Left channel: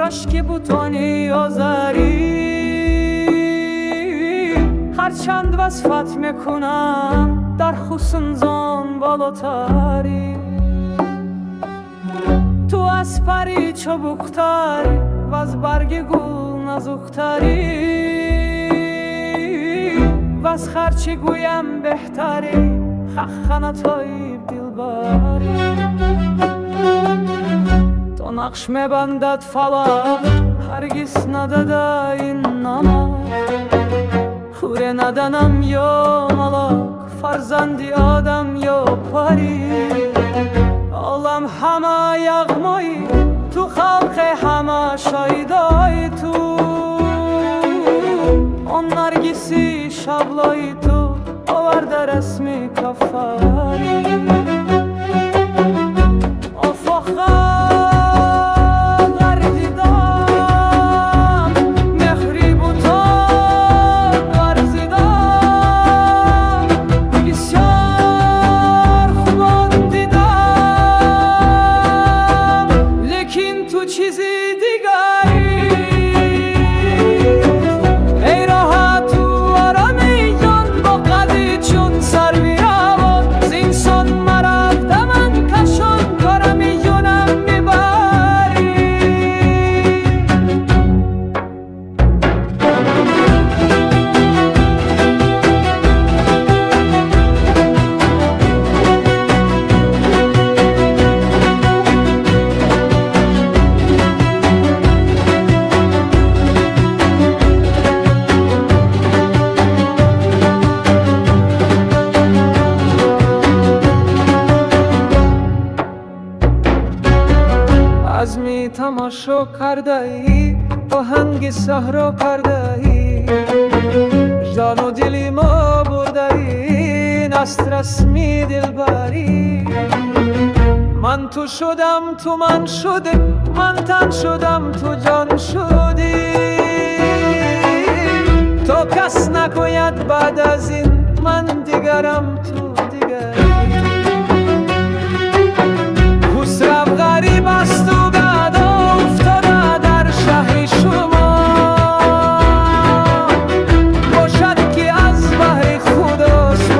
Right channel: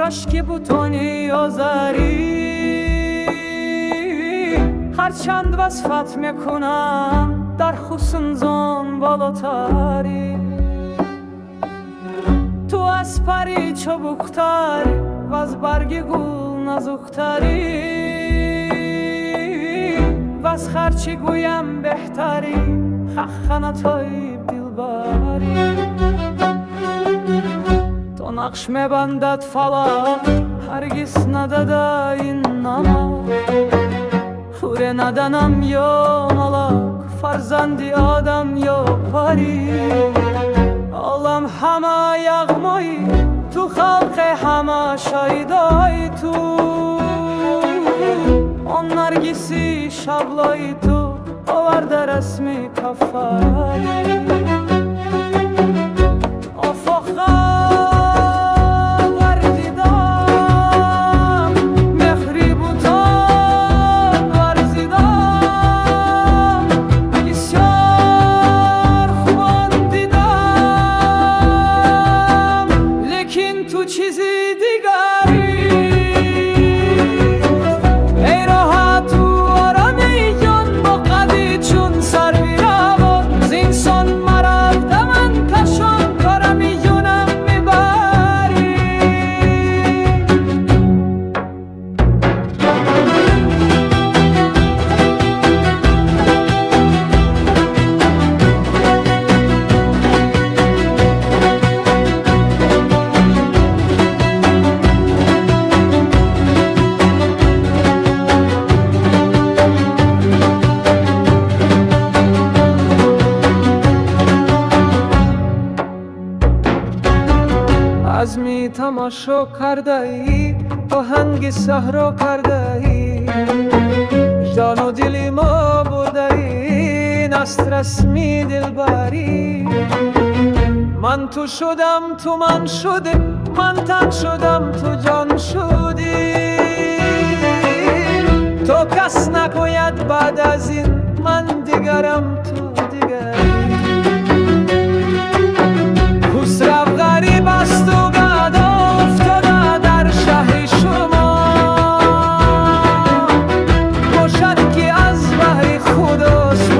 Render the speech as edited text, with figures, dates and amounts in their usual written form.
دورش که بوتونی آذری هرچند وصفت میکنم در حسن زان بالاتری تو از پری چبوکتری و از برگ گل نزوکتری و از خرچی گویم بهتری خخنه تایب دلبری تو نقش میبندد فلک هرگز نداده این نمک خوره ندانم یا ملک فرزندی آدم یا پری عالم همه یغمایی تو خلق همه شایدای تو آن نرگسی شبلای تو آورده رسمی کفاری آفاقا تو چیزی دیگری ای راه تو آرامی جان با قدی چون سروی روان زینسان مرفته من کشان کارمی یونم میبری از می تماشا کرده ای آهنگ صحرا کرده ای جان و دلی ما برده ای نست رسمی دلبری من تو شدم تو من شده من تن شدم تو جان شدی تو کس نکوید بعد از این من دیگرم تو دیگری خسرو غریب است و گدا افتاده در شهر شما باشد که از بحر خودش